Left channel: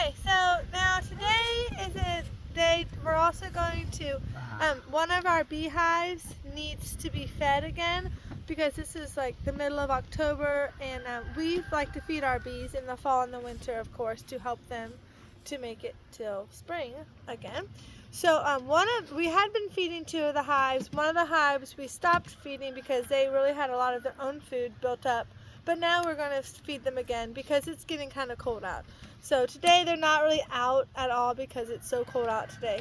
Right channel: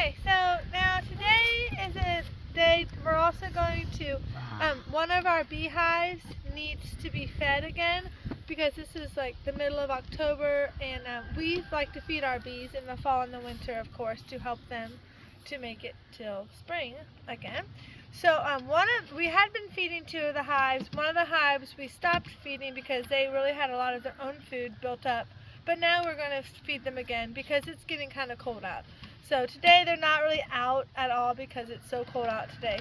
Okay, so now today is a day we're also going to, one of our beehives needs to be fed again because this is like the middle of October, and we like to feed our bees in the fall and the winter, of course, to help them to make it till spring again. So we had been feeding two of the hives. One of the hives we stopped feeding because they really had a lot of their own food built up. But now we're going to feed them again because it's getting kind of cold out. So today they're not really out at all because it's so cold out today.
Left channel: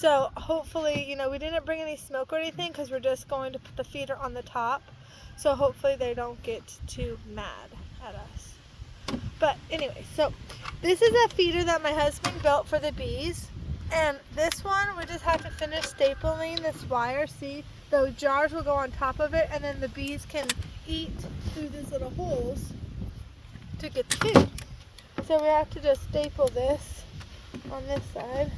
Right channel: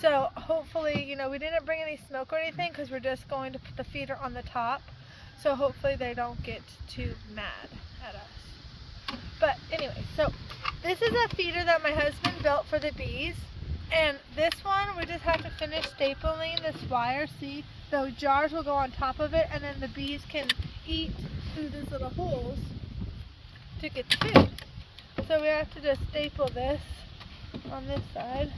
So hopefully, we didn't bring any smoke or anything because we're just going to put the feeder on the top. So hopefully they don't get too mad at us. But anyway, so this is a feeder that my husband built for the bees. And this one, we just have to finish stapling this wire. See, the jars will go on top of it, and then the bees can eat through these little holes to get the food. So we have to just staple this on this side.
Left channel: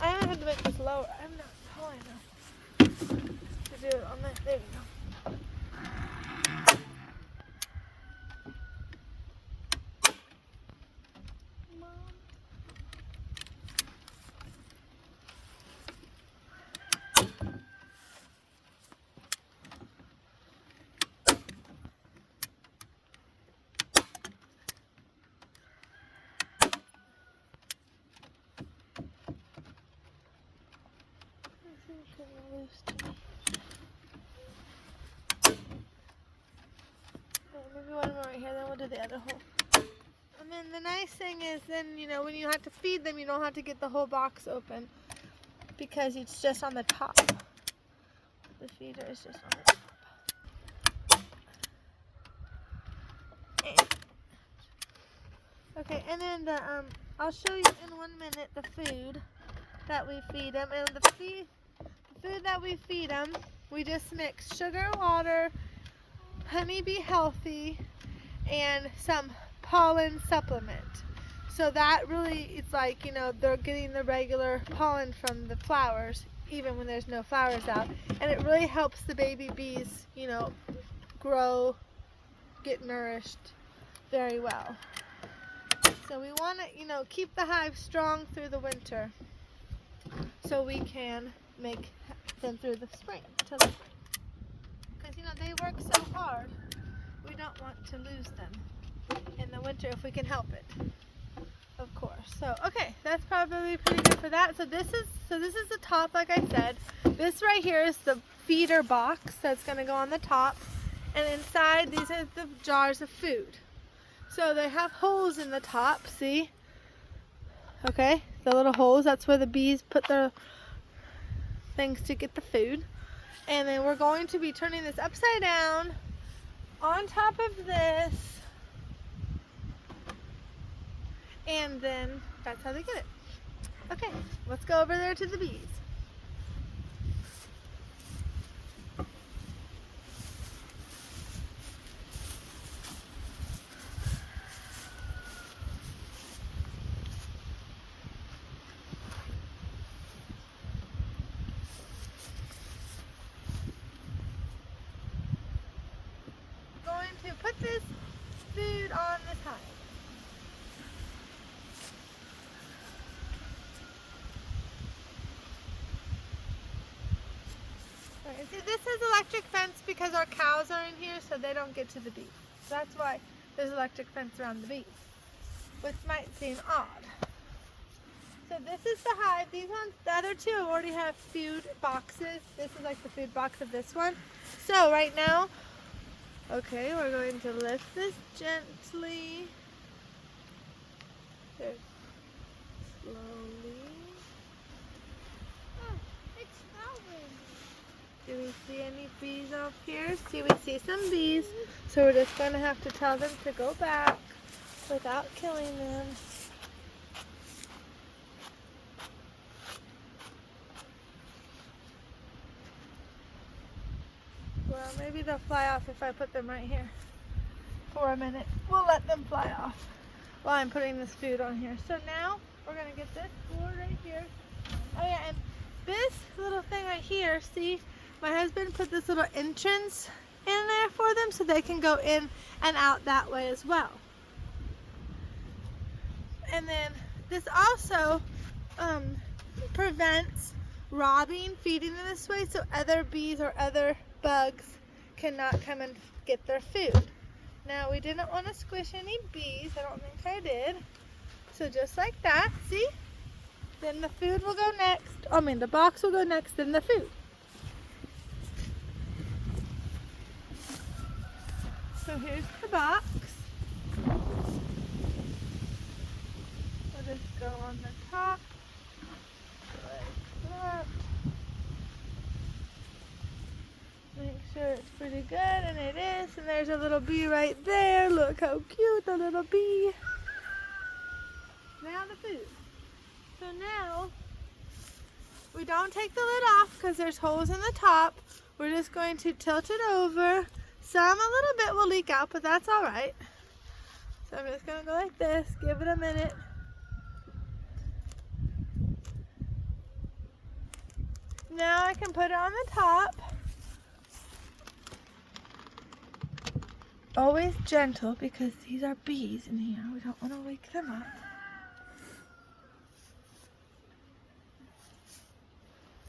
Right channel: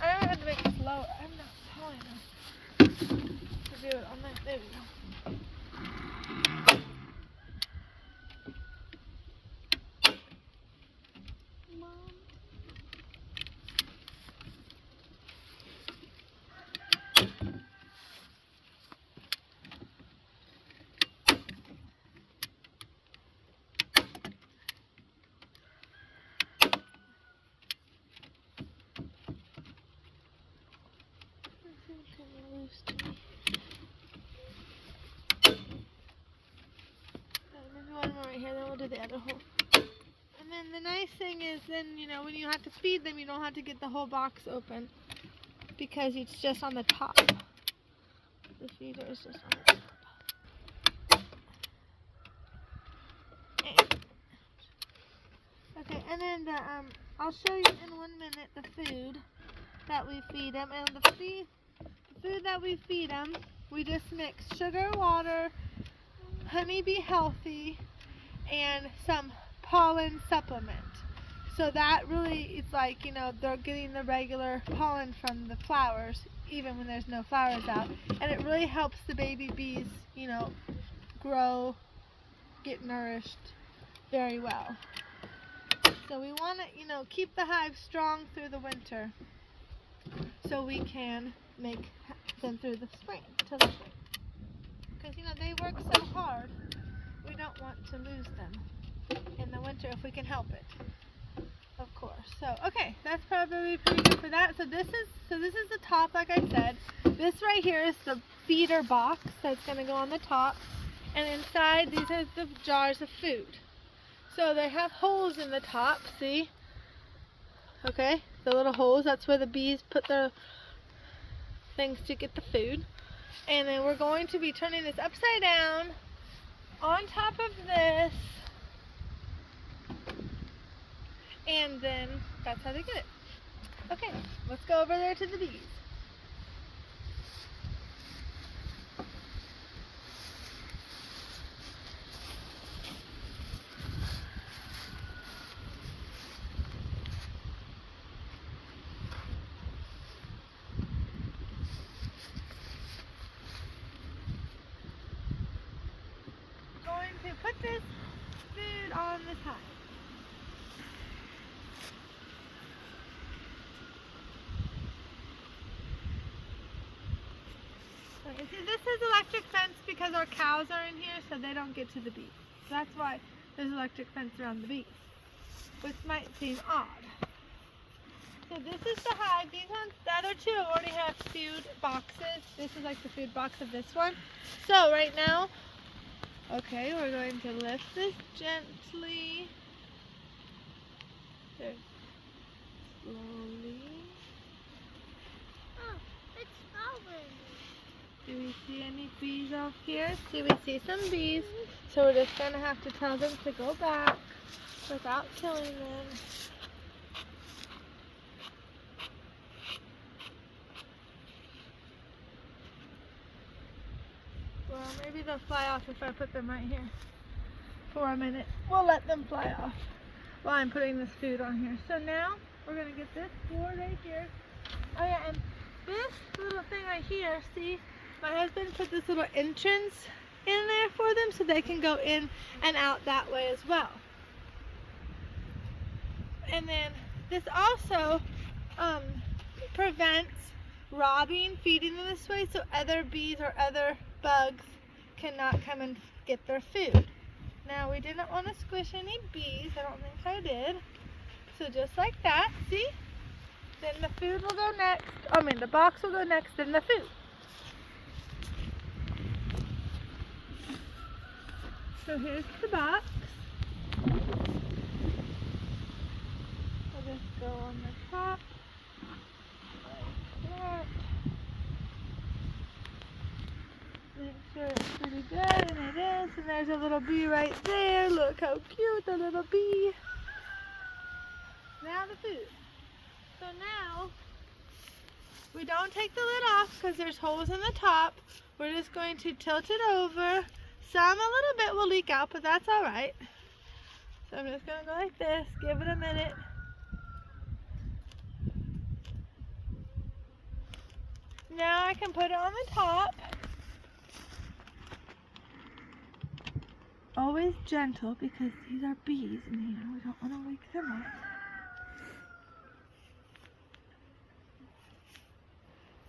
I don't have to make this lower. I'm not tall enough to do it on this. There we go. Maybe one more right here, then we'll do the other hole. And then the nice thing is then, when you have to feed them, you don't have to get the whole box open because it's just on the top. The feeder is just on the top. Okay, and then I'll show you in 1 minute the food that we feed them. And the food that we feed them, we just mix sugar, water, Honey Bee Healthy, and some pollen supplement. So that really, it's like, they're getting the regular pollen from the flowers, even when there's no flowers out. And it really helps the baby bees, grow, get nourished very well. So we want to, keep the hive strong through the winter so we can make them through the spring, till the spring. Because, they work so hard, we don't want to lose them in the winter if we can help it, of course. So, okay, that's probably pretty good for that. So this is the top, like I said. This right here is the feeder box that's going to go on the top. And inside, these are the jars of food. So they have holes in the top, see? Okay, the little holes, that's where the bees put their things to get the food. And then we're going to be turning this upside down on top of this. And then that's how they get it. Okay, let's go over there to the bees. To put this food on this hive. Okay, so this is electric fence because our cows are in here, so they don't get to the bees. So that's why there's electric fence around the bees, which might seem odd. So this is the hive. These ones, the other two already have food boxes. This is like the food box of this one. So right now, okay, we're going to lift this gently. So slowly. Oh, it's snowing. Do we see any bees up here? See, we see some bees. So we're just going to have to tell them to go back without killing them. Well, maybe they'll fly off if I put them right here for a minute. We'll let them fly off while I'm putting this food on here. So now we're going to get this door right here. Oh yeah, and this little thing right here, see, my husband put this little entrance in there for them them so they can go in and out that way as well. And then this also prevents robbing, feeding them this way, so other bees or other bugs cannot come and get their food. Now we didn't want to squish any bees. I don't think I did. So just like that, see? Then the food will go next. I mean, the box will go next, then the food. So here's the box. We'll just go on the top. Like that. Make sure it's pretty good, and it is. And there's a little bee right there. Look how cute, the little bee. Now the food. So now, we don't take the lid off because there's holes in the top. We're just going to tilt it over. Some, a little bit will leak out, but that's all right. So I'm just going to go like this, give it a minute. Now I can put it on the top. Always gentle because these are bees in here. We don't want to wake them up.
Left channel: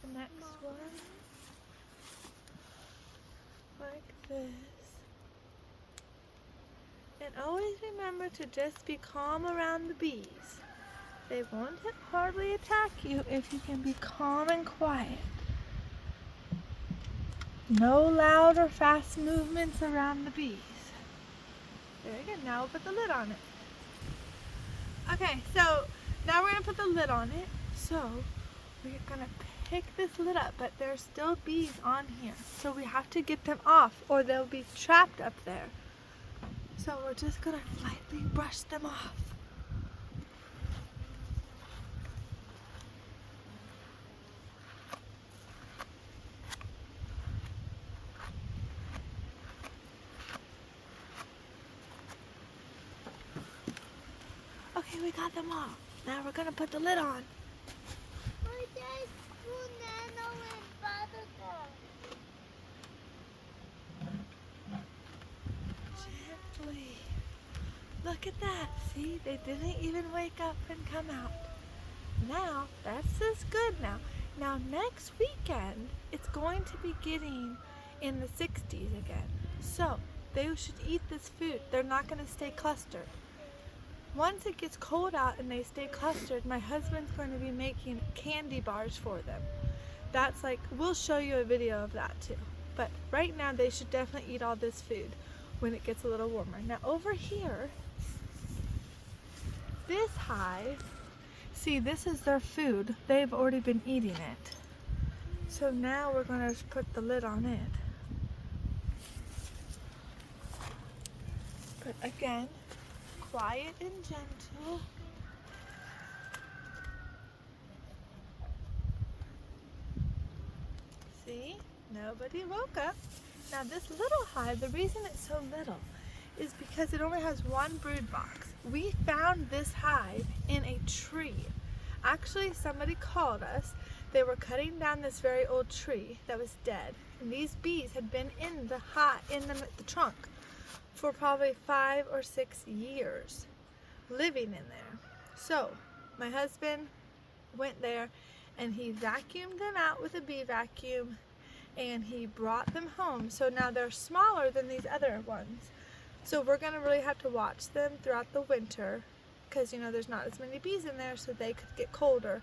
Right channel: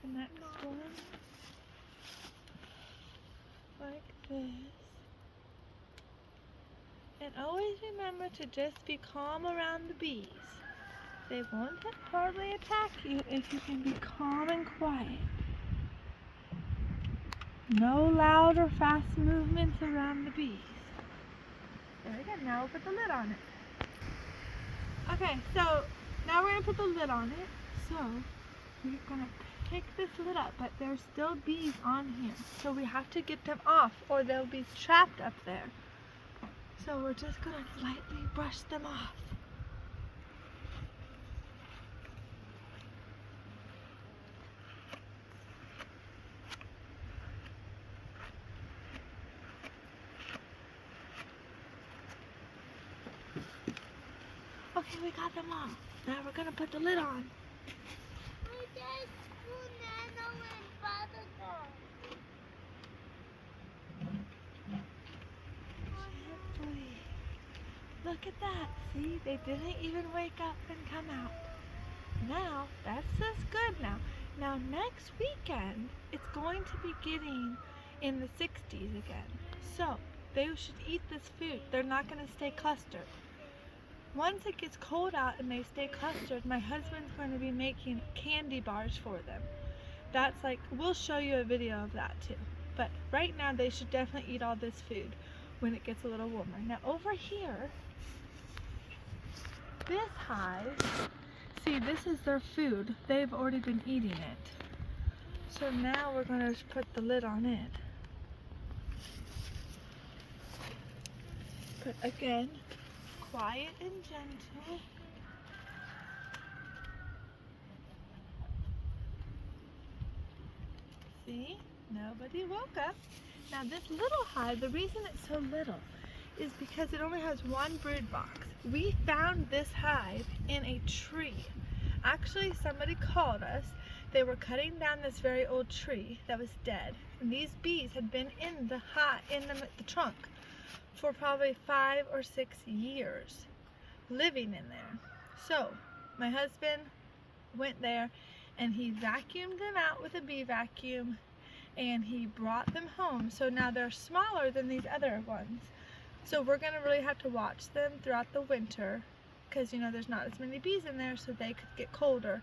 The next one, like this. And always remember to just be calm around the bees. They won't hardly attack you if you can be calm and quiet. No loud or fast movements around the bees. There we go, now we'll put the lid on it. Okay, so now we're going to put the lid on it. So we're going to pick this lid up, but there's still bees on here. So we have to get them off or they'll be trapped up there. So we're just going to lightly brush them off. Okay, we got them off. Now we're going to put the lid on. Gently. Look at that. See, they didn't even wake up and come out. Now, that's just good now. Now, next weekend, it's going to be getting in the 60s again. So, they should eat this food. They're not going to stay clustered. Once it gets cold out and they stay clustered, my husband's going to be making candy bars for them. That's like, we'll show you a video of that too. But right now they should definitely eat all this food when it gets a little warmer. Now over here, this hive, see, this is their food. They've already been eating it. So now we're going to put the lid on it. But again, quiet and gentle. See? Nobody woke up. Now this little hive, the reason it's so little is because it only has one brood box. We found this hive in a tree. Actually, somebody called us. They were cutting down this very old tree that was dead. And these bees had been in the trunk for probably 5 or 6 years living in there. So my husband went there and he vacuumed them out with a bee vacuum and he brought them home. So now they're smaller than these other ones. So we're going to really have to watch them throughout the winter because, you know, there's not as many bees in there, so they could get colder.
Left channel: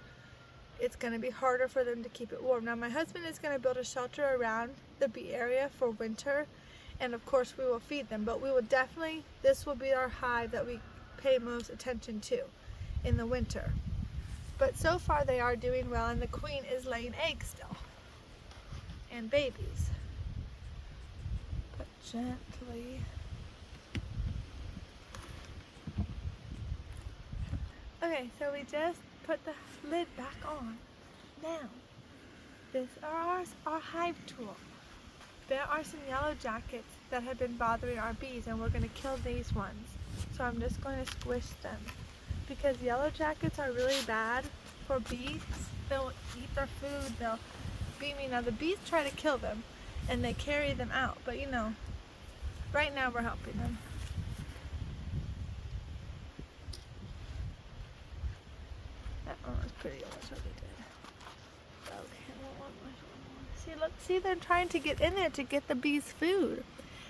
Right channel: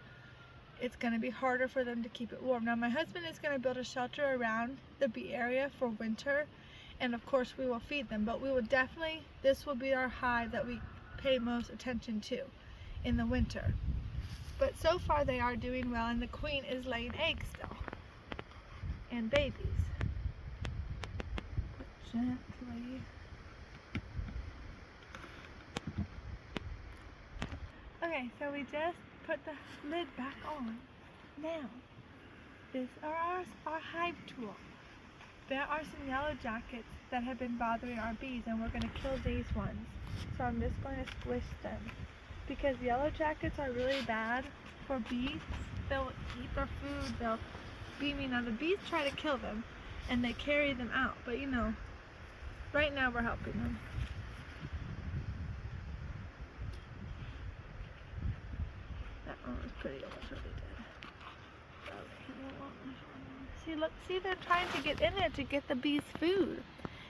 It's going to be harder for them to keep it warm. Now my husband is going to build a shelter around the bee area for winter. And of course we will feed them, but we will definitely, this will be our hive that we pay most attention to in the winter. But so far they are doing well and the queen is laying eggs still. And babies. But gently. Okay, so we just put the lid back on. Now, this is our hive tool. There are some yellow jackets that have been bothering our bees and we're going to kill these ones. So I'm just going to squish them because yellow jackets are really bad for bees. They'll eat their food, they'll beat me. Now the bees try to kill them and they carry them out, but you know, right now we're helping them. That one was pretty, it was really good. Okay. See, look, see, they're trying to get in there to get the bees food.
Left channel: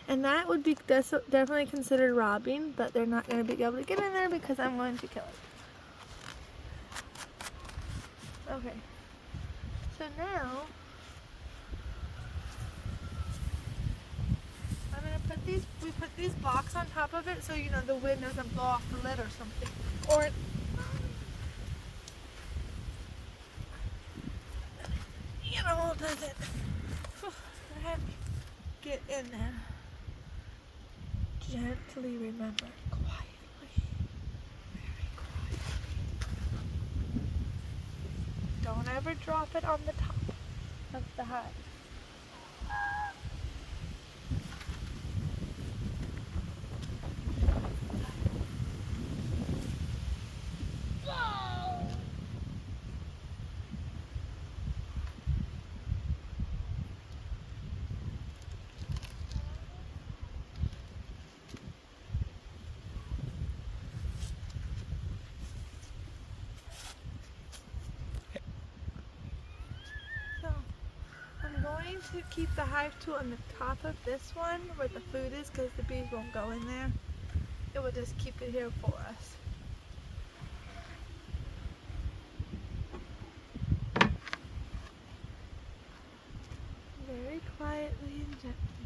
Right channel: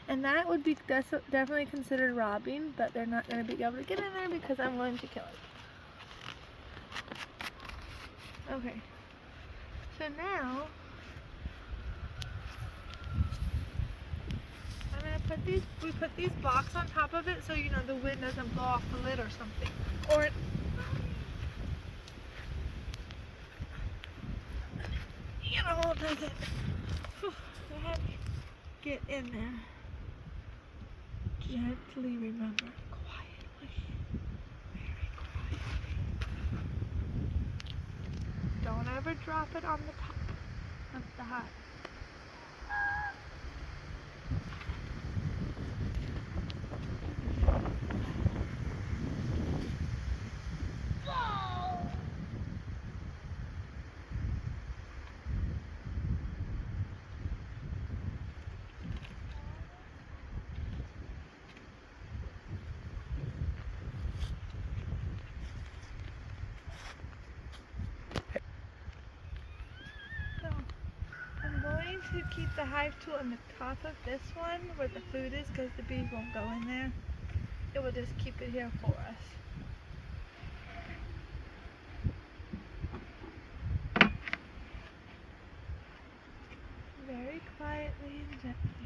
And that would be definitely considered robbing, but they're not going to be able to get in there because I'm going to kill it. Okay. So now, I'm going to put we put these blocks on top of it so, you know, the wind doesn't blow off the lid or something. Or, you know, doesn't get in there. Gently, remember, quietly, very quietly. Don't ever drop it on the top of the hive. So, I'm going to keep the hive tool on the top of this one where the food is because the bees won't go in there. It will just keep it here for us. Very quietly and gently.